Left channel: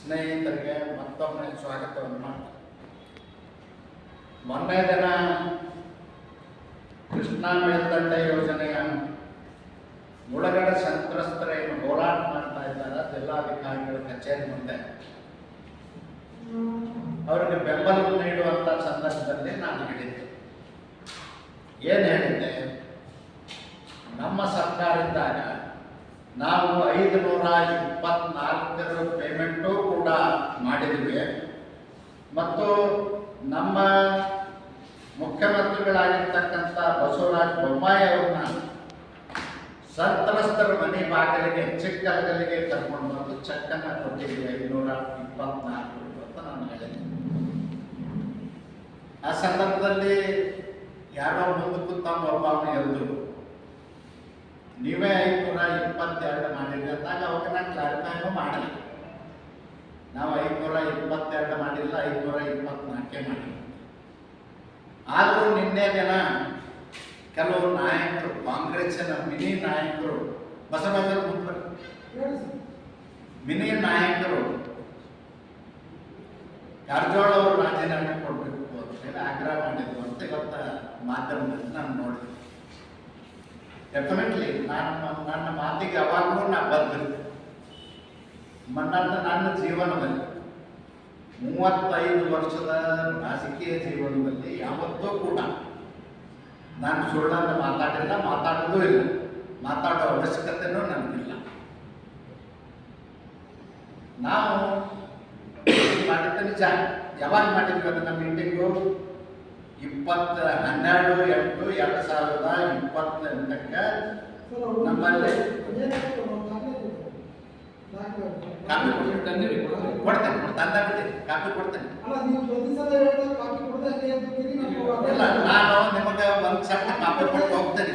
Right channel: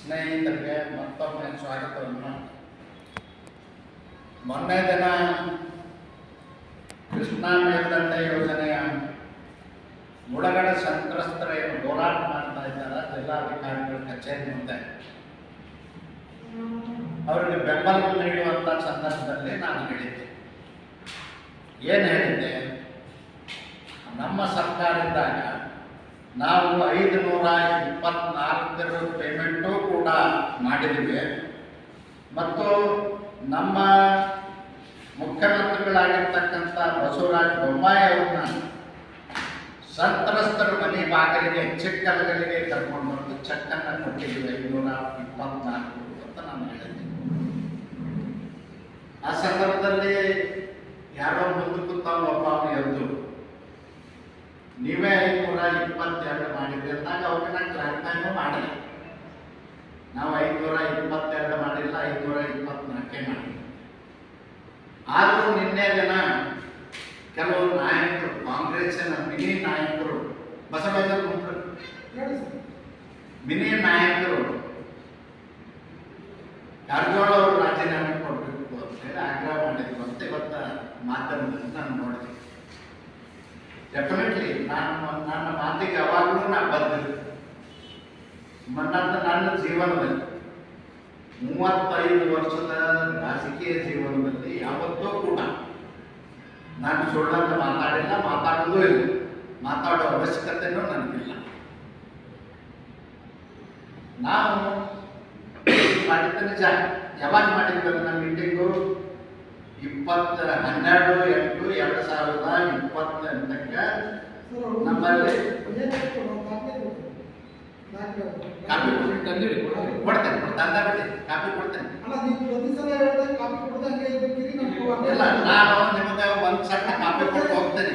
ಸ್ನೇಹಿತರಿಗೆ ಮತ್ತೊಮ್ಮೆ ಸ್ವಾಗತವನ್ನು. ಮೊನ್ನೆ ದಿನ ಕೃಷ್ಣಾ ಮೇಲ್ದಂಡೆ ಯೋಜನೆಯ ಮುಳುಗಡೆ ಸಂತ್ರಸ್ತರೇನು ಹೋರಾಟ ಮಾಡ್ತಾ ಇದ್ದಾರೆ ಜಿಲ್ಲಾಧಿಕಾರಿಗಳ ಕಚೇರಿ ಮುಂದೆ, ಅವರಿಗೆ ಬೆಂಬಲ ನೀಡುವಂಥ ಸಂದರ್ಭದಲ್ಲಿ ನಾನು ಹೇಳಿದ್ದೆ. ಏನು ಹೇಳಿದ್ದೆ? ನಮ್ಮ ಸರ್ಕಾರ ಇದ್ದಾಗ ನಾವು 524 ಪೇಮೆಂಟು ಕೂಡ ಮಾಡಿದ್ವಿ ಮತ್ತು ನಮ್ಮ ಮುಖ್ಯಮಂತ್ರಿಗಳಾಗಿರ್ತಕ್ಕಂಥ ಬಸವರಾಜ ಬೊಮ್ಮಾಯಿ ಅವ್ರನ್ನ ಸಂತ್ರಸ್ತರ ಮನೆ ಬಾಗಿಲಿಗೆ ಚಿಕ್ಕಲಗಲಿಗೆ ಕರ್ಕೊಂಡು ಬಂದು ಚೆಕ್ಕನ್ನು ಕೊಟ್ಟಿದ್ವಿ 524 ಅಂತ ನಾನು ಹೇಳಿದ್ದೆ. ಆ ಸಂದರ್ಭದಲ್ಲಿ ಯಾರೋ ಮುಂದೆ ಕೂತಾಗ ಒಬ್ಬ ಅವನು ಎದ್ದು ನೀವೇ 522 ಮಾಡಿದ್ರಿ ಅಂದಾಗ ಅವ್ರಿಗೆ ನಾನು ಕ್ಲಾರಿಫೈನೂ ಮಾಡಲಿ. ನಾವು 522 ಮಾಡಿಲ್ಲ, 524 ಮಾಡಿ. ಆದರೂ ನಿನ್ನೆ ದಿನ ಕೆಲವು ನಾಯಕರು, ಕಾಂಗ್ರೆಸ್ಸಿನ ಮಿನಿ ನಾಯಕರು, ಬಸವರಾಜ ಮಿನಿ ನಾಯಕರು ಕಾರಜೋಳ ಅವರು ರಾಜೀನಾಮೆ ಕೊಡಬೇಕು ಅಂತ ಹೇಳಿ ಆಗ್ರಹ ಮಾಡಿದ್ರು ಅಂತ ಇವತ್ತು ಮಾಧ್ಯಮದಲ್ಲಿ ನಾನು ನೋಡಿದೆ. ಡೆಫಿನೆಟ್ಲಿ ನನ್ನ ಮಾತಿಗೆ ಯಾವಾಗಲೂ ನಾನು ಬದ್ಧರಿದ್ದೆ. ನನ್ನ ಜೀವನದಲ್ಲಿ 35 ವರ್ಷದ ರಾಜಕೀಯ ಜೀವನದಲ್ಲಿ ಯಾವತ್ತೂ ಕೂಡ ನಾನು ಸುಳ್ಳನ್ನು ಮಾತಾಡಿಲ್ಲ, ಮಾತಾಡೋದೂ ಇಲ್ಲ, ಮಾತಾಡೋ ಅವಶ್ಯಕತೆಯೂ ನನಗಿಲ್ಲ. ನಾವು ಮಾಡಿದ್ದ ನಿಜ. ಯಾವಾಗ ಮಾಡಿದ್ವಿ ಅದನ್ನ ಮೀಟಿಂಗು? 12/8/2028 ನಮ್ಮಲ್ಲಿ ಕಾಪಿ ಕೊಡ್ತೇನೆ, ಕಾಪಿ ಕೊಡ್ತೇನೆ. ಇಲ್ಲ, ನಾನು ನಿಮಗೆ ಒಂದು ಸಣ್ಣ ಕಾಪಿ ಕೊಟ್ಟು ಹೋಗ್ತೇನೆ.